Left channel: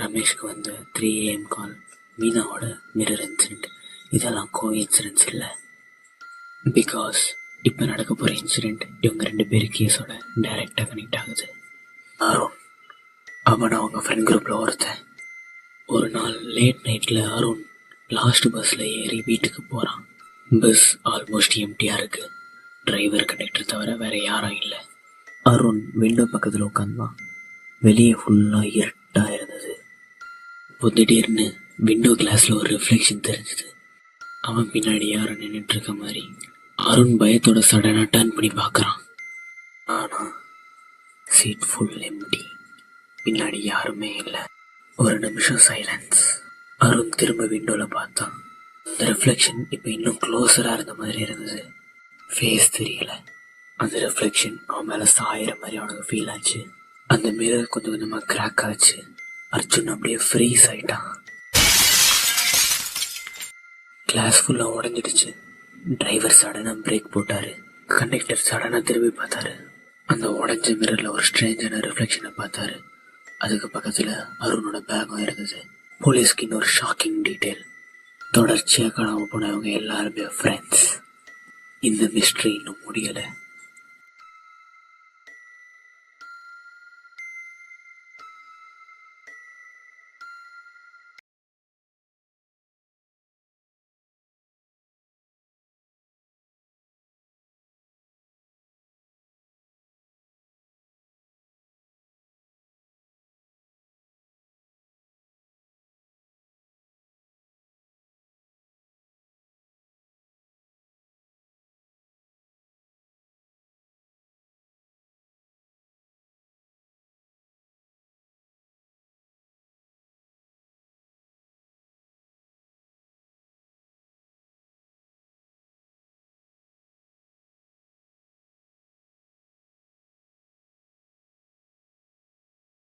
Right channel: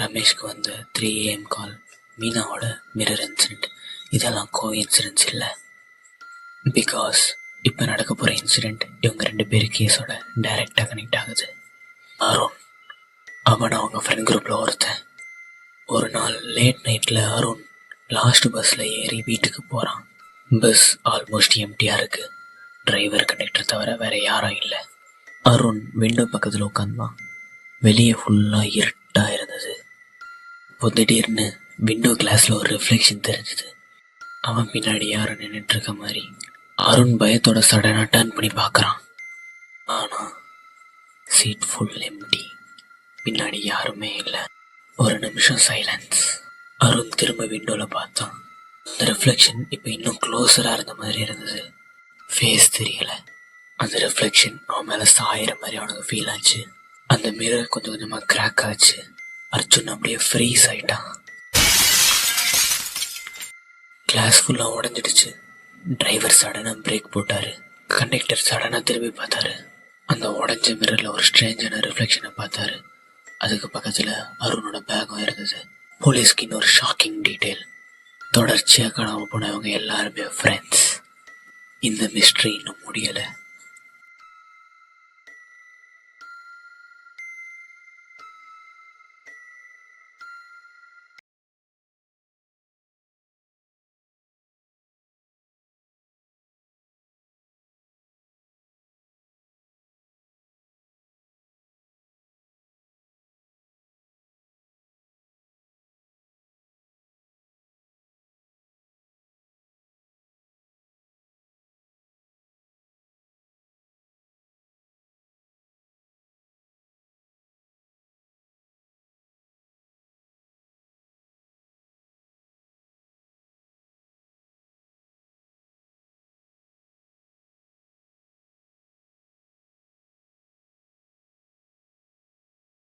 ரமேஷ்க்கு வந்த 3 AM call, மீனாவோட mirror incident, இதெல்லாம் incidents இல்லை. பிகாஸ் இப்போ நடக்க போகிற இன்சிடெண்ட் இவங்க 2 பேர் கேஸோட டைரெக்டாக கனெக்ட் ஆகுது. அருண், அவன் அவங்க ஃப்ரெண்ட் குரூப்பில் ஒருத்தன். ஒரு நாள் லேட் நைட்டில் அருண் லாஸ்ட் பஸ்ஸில் ஏறி வீட்டுக்கு போகிறான். பஸ் ஆல்மோஸ்ட் எம்டியாக இருக்குது. டிரைவர் கண்டக்டர் தவிர வேறு யாரும் இல்லை. அருண் விண்டோ பக்கத்தில் உட்காந்தான். வெளியே ஃபுல்லாக இருட்டாக இருந்தது. இப்போ திடீர்னு விண்டோ கிளாஸில் ஒரு ரிஃப்ளெக்ஷன் தெரிஞ்சுது. அவன் பின்னாடி யாரும் நின்றுட்டு இருக்க மாதிரி. அருண் பயத்தோட சடனாக டர்ன் பண்ணி பார்க்குறான். ஆனால் சீட் ஃபுல் எம்டி. பின்னாடி யாருமே இல்லை. ஒரு நிமிஷம் சைலன்ஸ். அருண் திரும்ப விண்டோவில் பார்த்தான். அந்த ரிஃப்ளெக்ஷன் இப்போ இன்னும் க்ளோஸராக இருந்த மாதிரி இருந்தது. ஃபேஸ் தெரியல. அந்த ரிஃப்ளெக்ஷன் அவன் மேலே சாயிற மாதிரி அவனுக்கு ஃபீல் ஆச்சு. அந்த மிரர் கொஞ்சம் கொஞ்சமாக கிராக் ஆச்சு. அர்ஜுன் அப்படியே ஃப்ரீஸ் ஆயிட்டான். கிளாஸ் ஃபுல்லாக உடஞ்சிடுச்சு. டிரைவர் சடனாக பிரேக் போட்டார். கண்டக்டர் சடனாக திரும்பி பார்த்தாரு. அந்த உடஞ்ச மிரரில் ஒரு ஸ்ட்ரேஞ்சான ரிஃப்ளெக்ஷனை பார்த்தாரு. அதுக்கு பக்கத்தில் அருணோட பேக்கும் இருந்தது. போலீஸ்க்கு இன்னொரு ஷாக்கிங் டீட்டெயில். தொடர்ச்சியாக காணாமல் போனவங்க எல்லாருமே ஃப்ரெண்ட்ஸ். இந்த மிஸ்ட்ரி இன்னும் முடியலை.